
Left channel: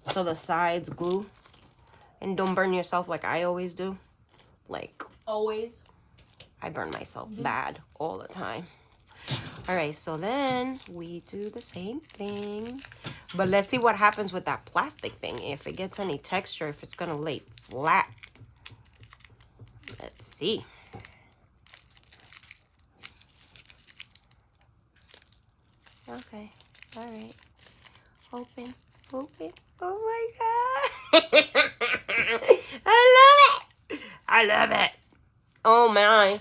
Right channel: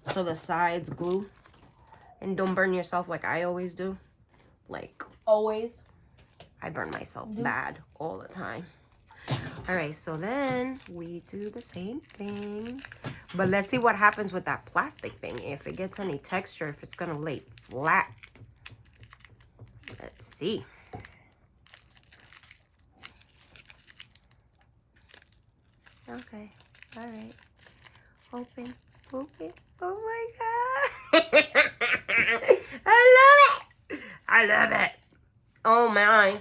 so the sides glue. And don't burn yourself like I always do. Like, Always. I burn myself bad all the time. All right, so then we do the same thing. But let's see what happens with that plastic thing. If it gets any texture, if it's gonna lay flat. Let's see. Okay, all right. Open, open. Oh my God. I love it. I love it. Oh my.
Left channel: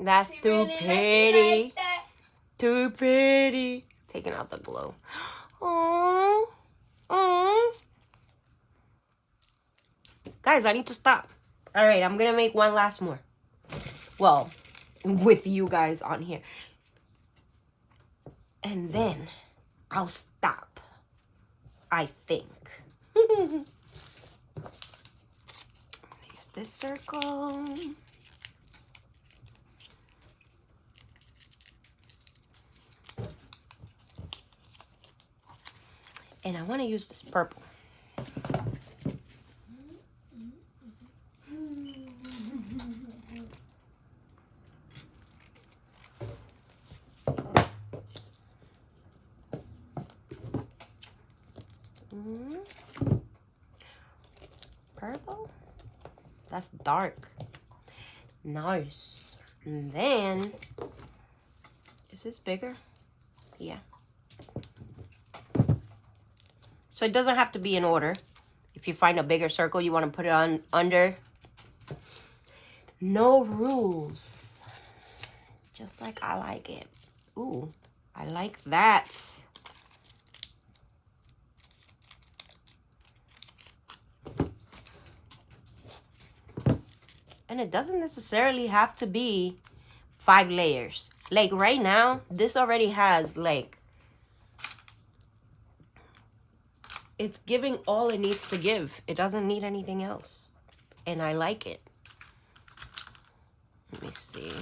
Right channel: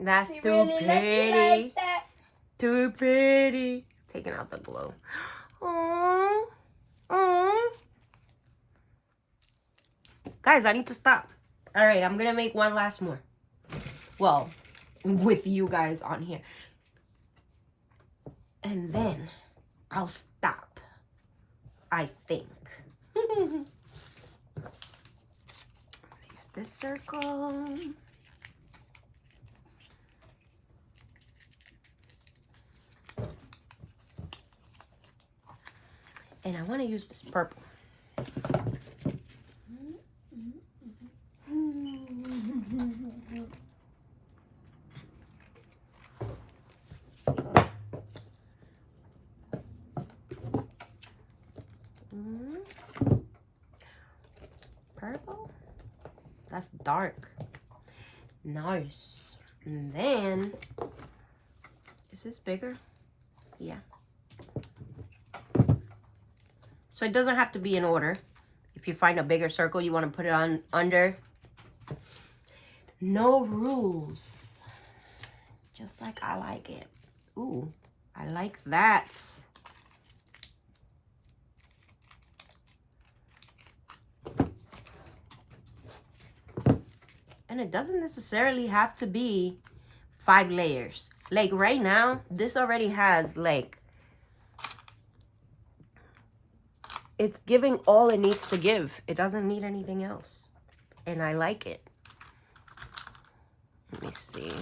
That's She too really likes pretty. it like that. Too pretty. Taking out the glow. Oh, oh. Guys, I need to stop. All right, I'm gonna make one last more. Well, with you guys on here. And then I'll stop, I think. Use this circle. And I want to use this purple. Purple? That's dark. Nice. And then, is this bigger? Yeah. So it doesn't have to be in order. If you find a bigger circle you want to put it on under. No rules. Just like I like it. Ooh, I like that. And it doesn't necessarily have to be 5 layers. Like right now, this already has like, it's giving all it needs to give. It doesn't need anything else. And I like it. Let me see.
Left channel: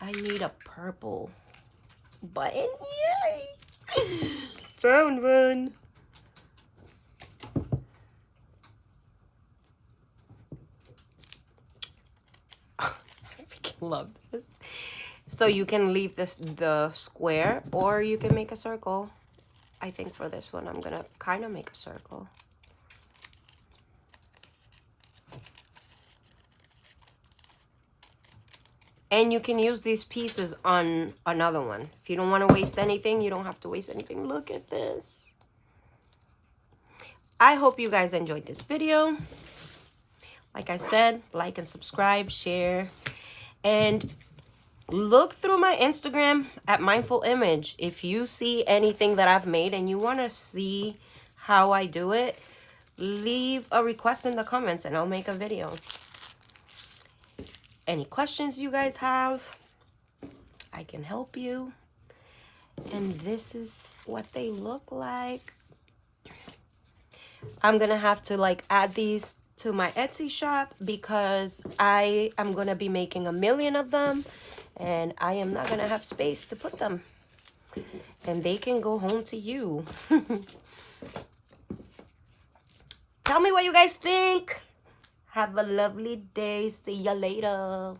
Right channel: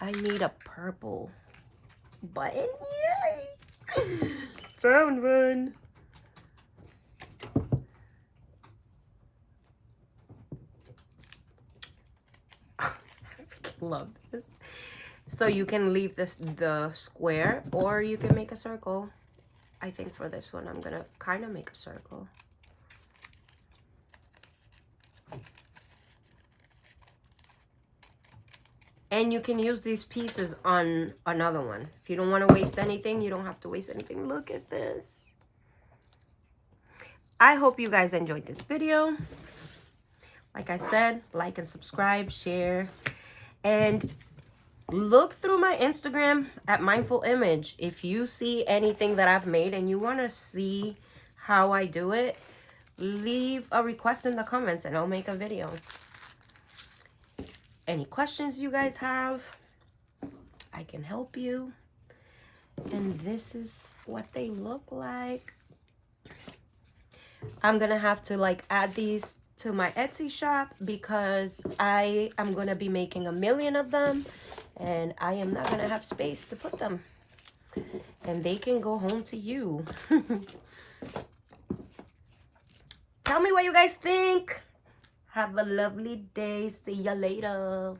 I need a purple button. Yay! Found one. I freaking love this. So you can leave this the square or you can make a circle. I think for this one I'm gonna kind of make a circle. And you can use these pieces on another one. If you don't want to waste anything, you don't have to waste anything. Look at this. I hope you guys enjoyed this video. Like I said, like and subscribe, share. And look through my Instagram at Mindful Image. If you see anything that I've made and you want to see how I do it, leave a request in the comments and I'll make a video. Any questions you guys have, I can help you. And this is what they look like. I'm gonna have to like add these to my Etsy shop because I am gonna be making 1 million of them and I am not gonna have space to put them. And they can go home to you. Tell me what you guys think. Have a lovely day. See ya later.